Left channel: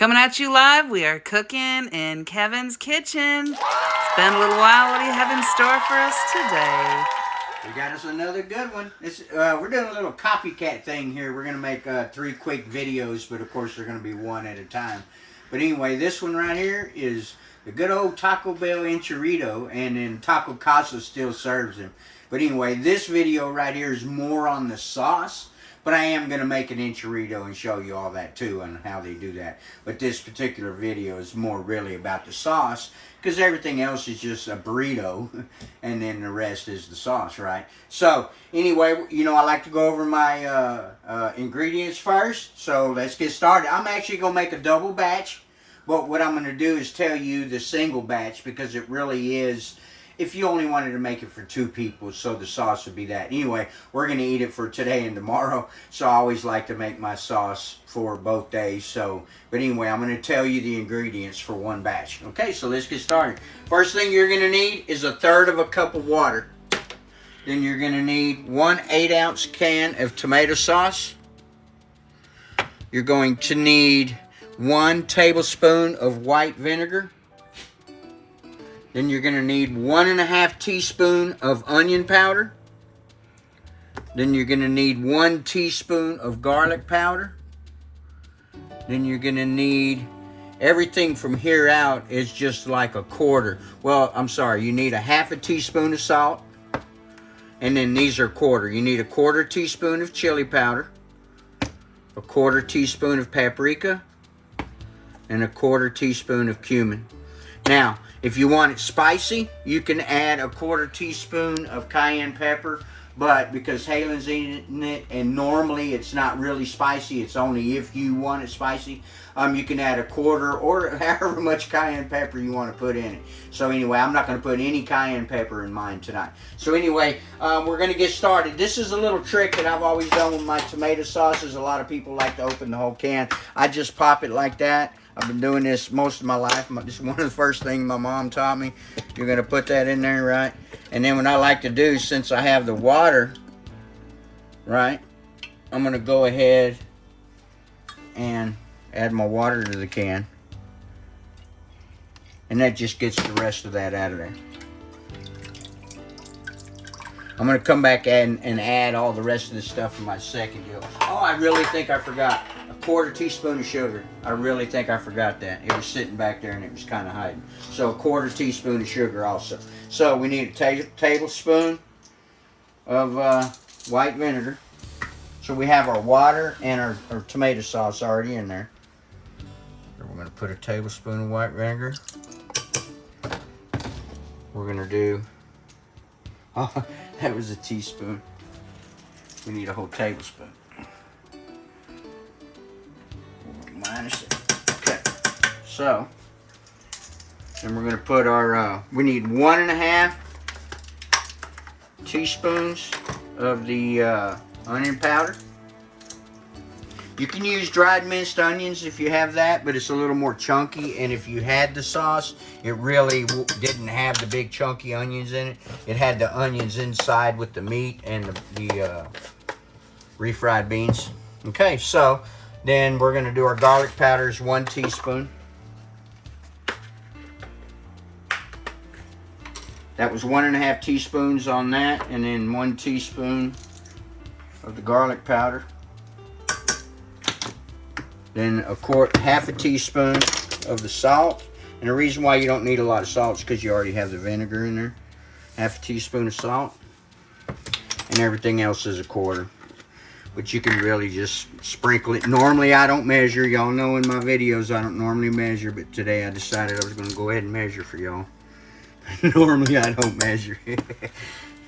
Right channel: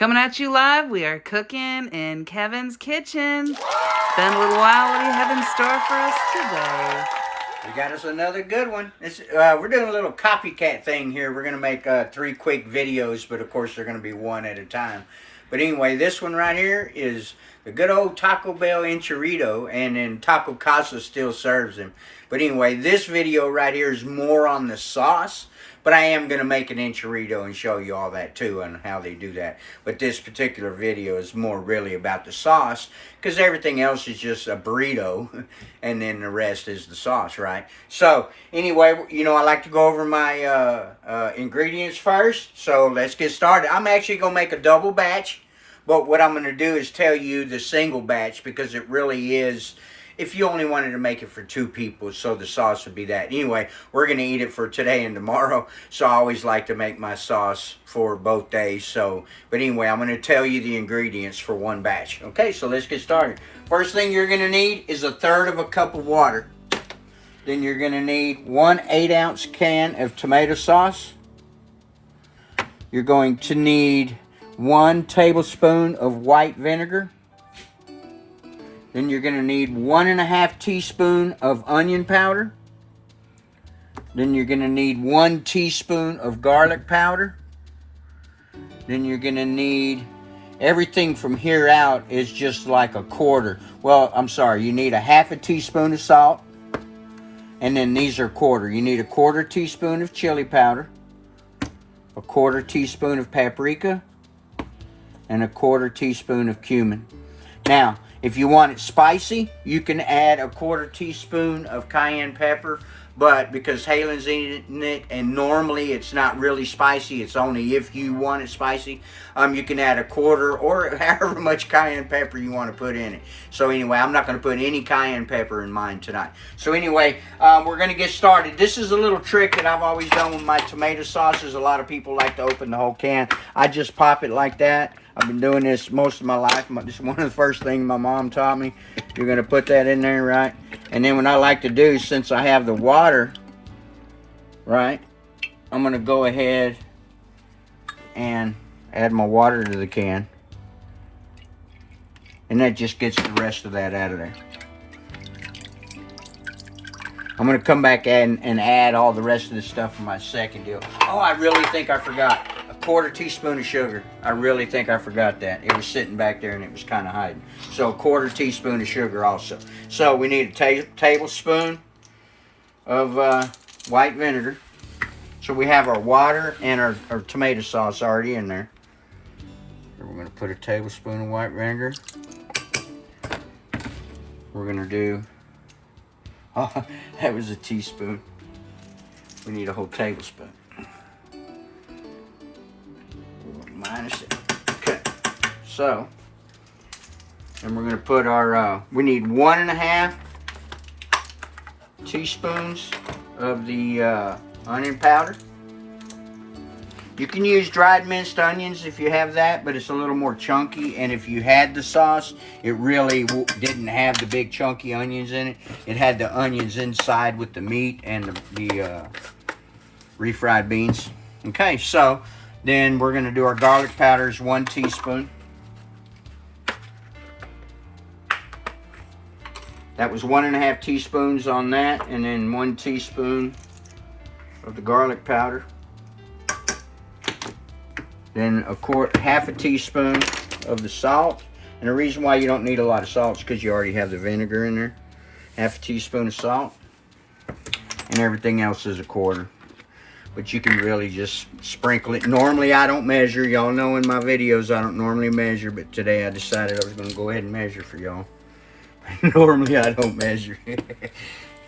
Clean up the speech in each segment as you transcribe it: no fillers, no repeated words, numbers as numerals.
Coming at you live, we are cooking in Kevin's kitchen. It's been a little while. What do you have in store for us today? We got us another good one. We're doing a little copycat thing here. We're going to make 3 quick videos, but of course they're going to be one at a time. But anyway, this one right here is the good old Taco Bell Enchirito, and then Taco Casa still serves them. But anyway, this video right here is more on the sauce. But I am going to make an Enchirito and show you all that too and how they do that. But this particular video is more really about the sauce, because everything else is just a burrito and then the rest is the sauce, right? So anyway, you know, I like to go over my ingredients first. So let's get started. I'm actually going to make a double batch. But what I'm going to do is tell you the single batch, because it really is, if you only wanted to make it for 2 people, so the sauce would be that. Anyway, we're going to eat it for today and tomorrow, so I always like to make my sauce for both days. So, but anyway, I'm going to tell you the ingredients for one batch. Okay, so let's get started. First thing you're going to need is 1/3 cup of water. Then you're going to need 1 8-ounce can of tomato sauce. You're going to need 1 tablespoon of white vinegar. Then you're going to need 1½ teaspoon of onion powder. Then you're going to need 1 teaspoon of garlic powder. Then you're going to need, everything from here out is just like a quarter. Well, I'm sorry, you need 1/2 teaspoon of salt. And then these are quarter. You need 1/4 teaspoon of chili powder, 1/4 teaspoon of paprika, and 1/4 teaspoon of cumin. Now, if you want it spicy, you can add 1/4 teaspoon of cayenne pepper, but because Halen's eating it, and normally it's not really spicy, it's only if you want it spicy, you can add 1/4 or however much cayenne pepper you want to put in it. So anyway, I'm not going to put any cayenne pepper in mine tonight. So anyway, we're going to get started. This is a little trick that I've always done with my tomato sauces. A lot of people like to open the whole can. I just pop it like that. I've been doing this most of my life. This is one of the first things my mom taught me. You're going to put that in there, right? And then what I like to do, since I have the water, right, I'm going to go ahead and add my water to the can. And that just gets the rest of that out of there. I'm going to come back and add all the rest of this stuff in my second deal. Oh, I really think I forgot. 1/4 teaspoon of sugar. I really think I forgot that. It was sitting back there and it was kind of hiding. So 1/4 teaspoon of sugar also. So we need a tablespoon of white vinegar. So we have our water and our tomato sauce already in there. So we're going to put a tablespoon of white vinegar. We're going to do, oh, that was a teaspoon. We need a whole tablespoon. Minus it. Okay, so then we're going to put our, we need 1½ teaspoons of the onion powder. You can use dried minced onions if you have that, but it's a little more chunky. And if you had the sauce, it really didn't have the big chunky onions in it. It had the onions inside with the meat and the refried beans. Okay, so then we're going to do our garlic powders, 1 teaspoon. That was 1½ teaspoons on that, and then 1 teaspoon of the garlic powder. Then half a teaspoon of the salt. And the reason why you don't need a lot of salt is because you already have the vinegar in there. Half a teaspoon of salt. And everything else is 1/4. But you can really just sprinkle it. Normally I don't measure. Y'all know in my videos I don't normally measure, but today I decided I was going to go ahead and measure for y'all. Normally I don't measure.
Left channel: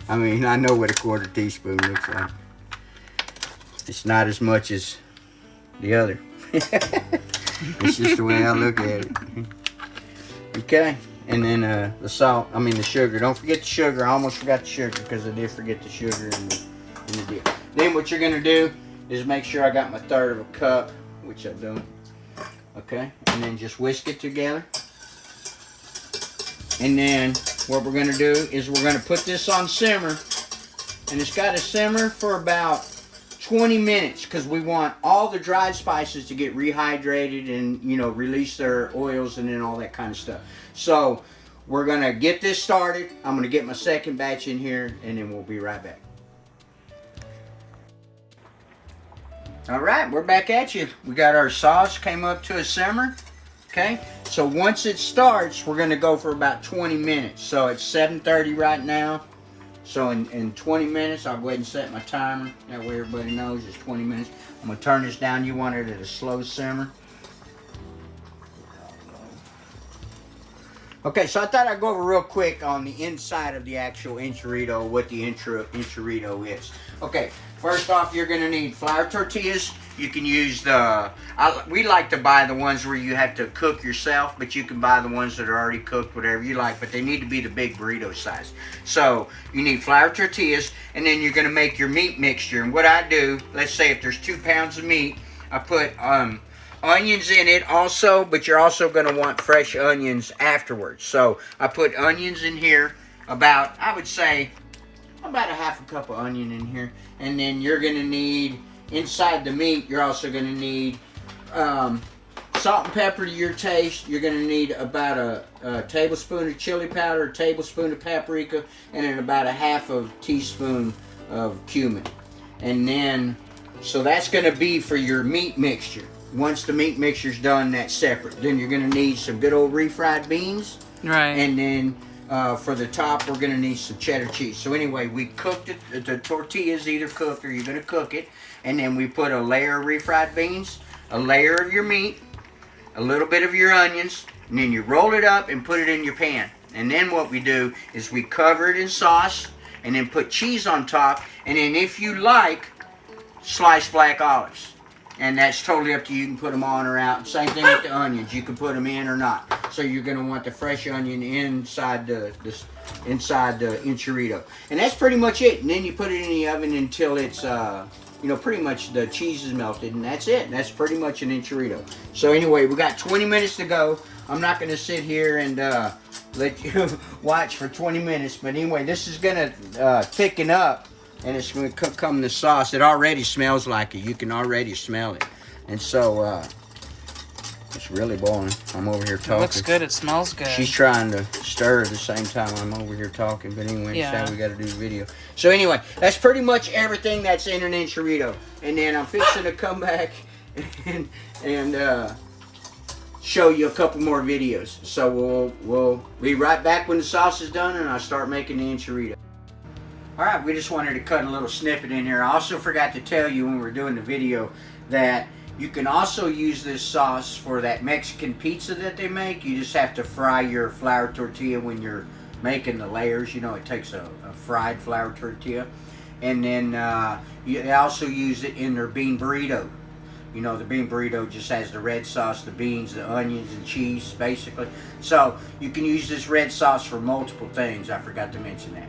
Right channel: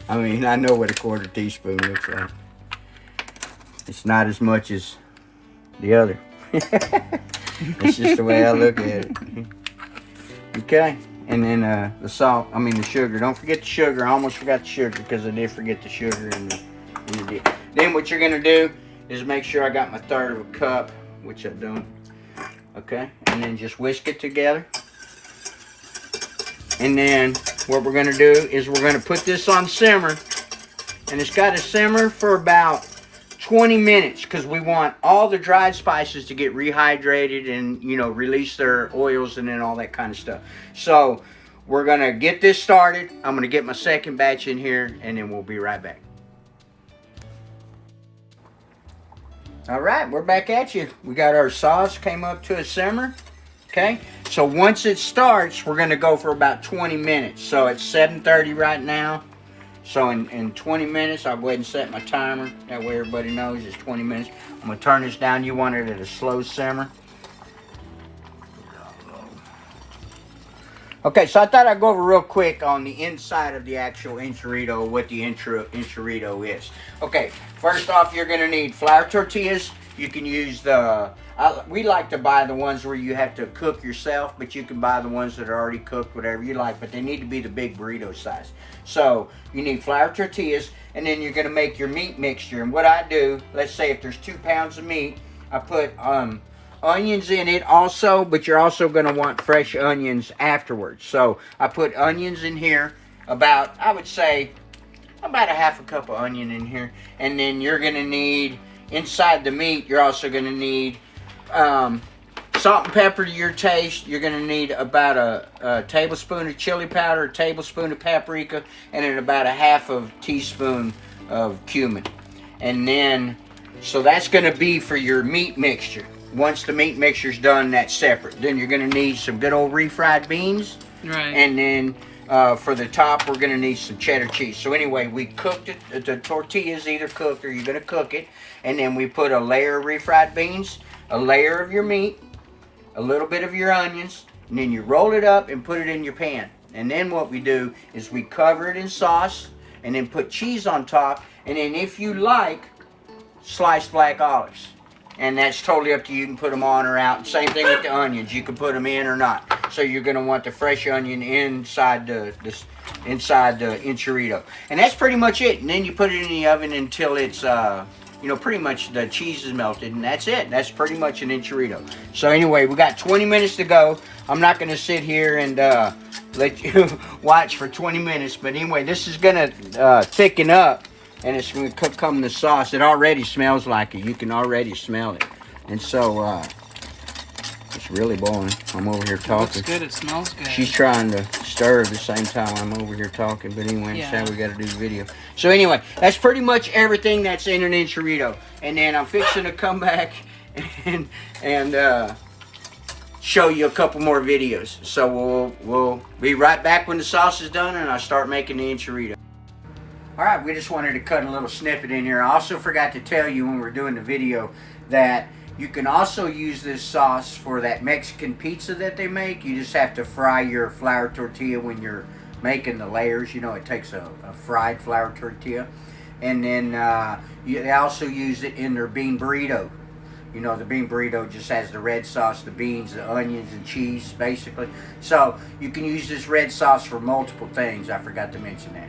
I mean, I know what 1/4 teaspoon looks like. It's not as much as the other. It's just the way I look at it. Okay, and then the salt, the sugar. Don't forget the sugar. I almost forgot the sugar because I did forget the sugar in the deal. Then what you're going to do is make sure I got my 1/3 cup, which I do. Okay, and then just whisk it together. And then what we're going to do is we're going to put this on simmer. And it's got to simmer for about 20 minutes because we want all the dried spices to get rehydrated and, you know, release their oils and then all that kind of stuff. So we're going to get this started. I'm going to get my second batch in here and then we'll be right back. All right, we're back at you. We got our sauce came up to a simmer. Okay, so once it starts, we're going to go for about 20 minutes. So it's 7:30 right now. So in 20 minutes, I'll go ahead and set my timer. That way everybody knows it's 20 minutes. I'm going to turn this down. You want it at a slow simmer. Okay, so I thought I'd go over real quick on the inside of the actual enchirito, what the enchirito is. Okay, first off, you're going to need flour tortillas. You can use we like to buy the ones where you have to cook yourself, but you can buy the ones that are already cooked, whatever you like, but they need to be the big burrito size. So you need flour tortillas, and then you're going to make your meat mixture. And what I do, let's say if there's 2 pounds of meat, I put onions in it also, but you're also going to want fresh onions afterwards. So I put onions in here, about, I would say, about a half a cup of onion in here. And then you're going to need, inside the meat, you're also going to need salt and pepper to your taste. You're going to need about a tablespoon of chili powder, a tablespoon of paprika, and then about a half of teaspoon of cumin. And then, so that's going to be for your meat mixture. Once the meat mixture's done, that's separate. Then you're going to need some good old refried beans. Right. And then for the top, we're going to need some cheddar cheese. So anyway, we cooked it. The tortilla's either cooked or you're going to cook it. And then we put a layer of refried beans, a layer of your meat, a little bit of your onions, and then you roll it up and put it in your pan. And then what we do is we cover it in sauce and then put cheese on top. And then if you like, slice black olives. And that's totally up to you. You can put them on or out. Same thing with the onions. You can put them in or not. So you're going to want the fresh onion inside the enchirito. And that's pretty much it. And then you put it in the oven until it's, you know, pretty much the cheese is melted. And that's it. That's pretty much an enchirito. So anyway, we got 20 minutes to go. I'm not going to sit here and let you watch for 20 minutes. But anyway, this is going to thicken up. And it's going to come in the sauce. It already smells like it. You can already smell it. And so, it's really boiling. I'm over here talking. It looks good. It smells good. She's trying to stir at the same time I'm over here talking. But anyway, yeah. That's how we got to do the video. So anyway, that's pretty much everything that's in an enchirito. And then I'm fixing to come back and show you a couple more videos. So we'll be right back when the sauce is done and I'll start making the enchirito. Alright, we just wanted to cut a little snippet in here. I also forgot to tell you when we were doing the video that you can also use this sauce for that Mexican pizza that they make. You just have to fry your flour tortilla when you're making the layers. You know, it takes a fried flour tortilla. And then they also use it in their bean burrito. You know, the bean burrito just has the red sauce, the beans, the onions, and cheese, basically. So you can use this red sauce for multiple things. I forgot to mention that.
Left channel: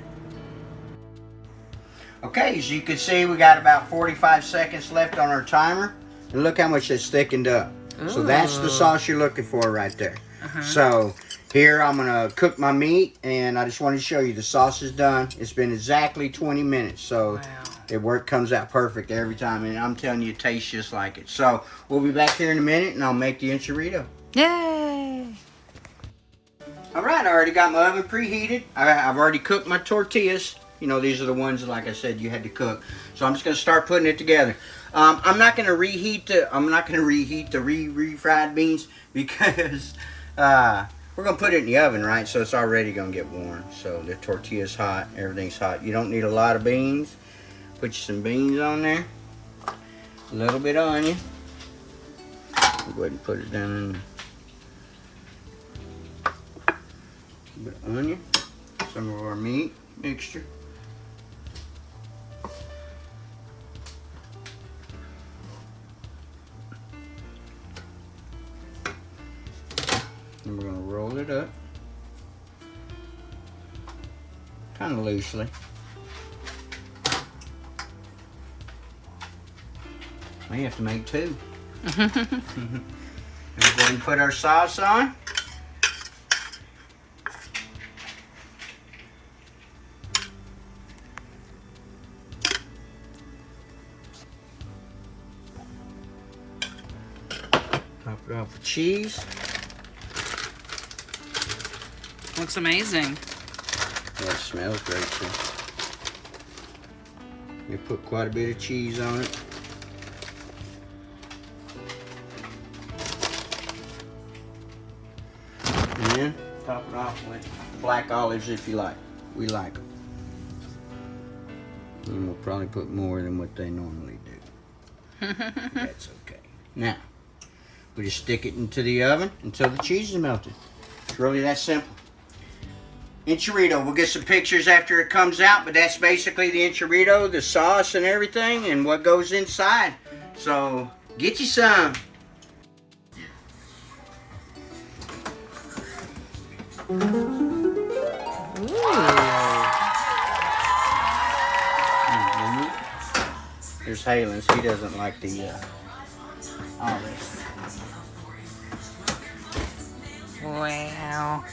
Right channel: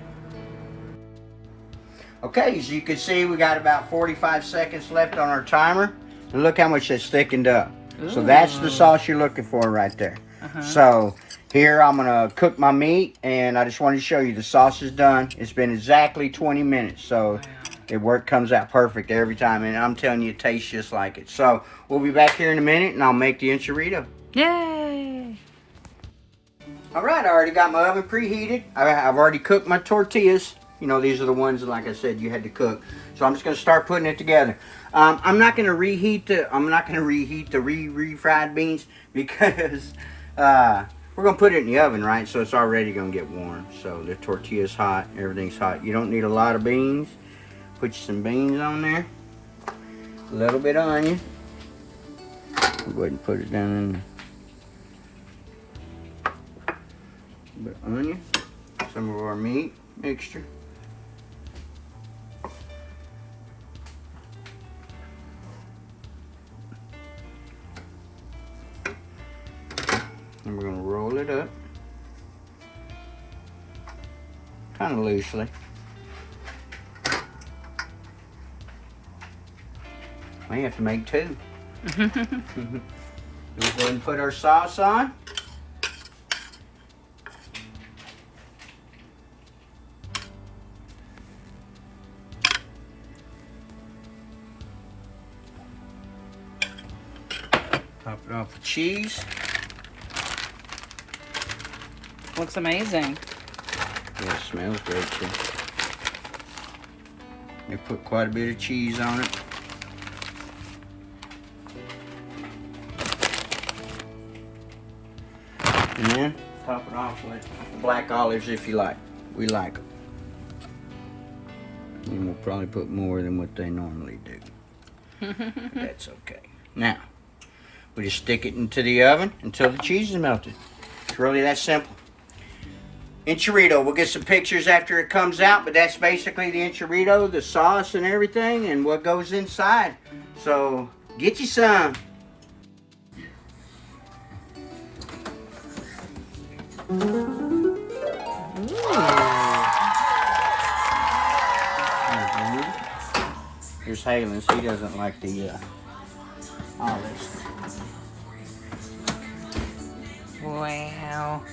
Okay, as you can see, we got about 45 seconds left on our timer. And look how much that's thickened up. Ooh. So that's the sauce you're looking for right there. So here I'm going to cook my meat, and I just wanted to show you the sauce is done. It's been exactly 20 minutes, so it comes out perfect every time. And I'm telling you, it tastes just like it. So we'll be back here in a minute, and I'll make the enchirito. Yay! All right, I already got my oven preheated. I've already cooked my tortillas. You know, these are the ones, like I said, you had to cook. So I'm just going to start putting it together. I'm not going to reheat the refried beans because we're going to put it in the oven, right? So it's already going to get warm. So the tortilla's hot, everything's hot. You don't need a lot of beans. Put some beans on there. A little bit of onion. Go ahead and put it down in there. A bit of onion. Some of our meat mixture. And we're going to roll it up kind of loosely. May have to make two. We'll go ahead and put our sauce on. it off the cheese. Looks amazing. Yeah, it smells great too. They put quite a bit of cheese on it. And then top it off with black olives if you like. We like them. And we'll probably put more than what they normally do. That's okay. Now, we just stick it into the oven until the cheese is melted. It's really that simple. Enchirito, we'll get some pictures after it comes out, but that's basically the enchirito, the sauce and everything, and what goes inside. So, get you some. Here's Halen's. He doesn't like the olives. Wow.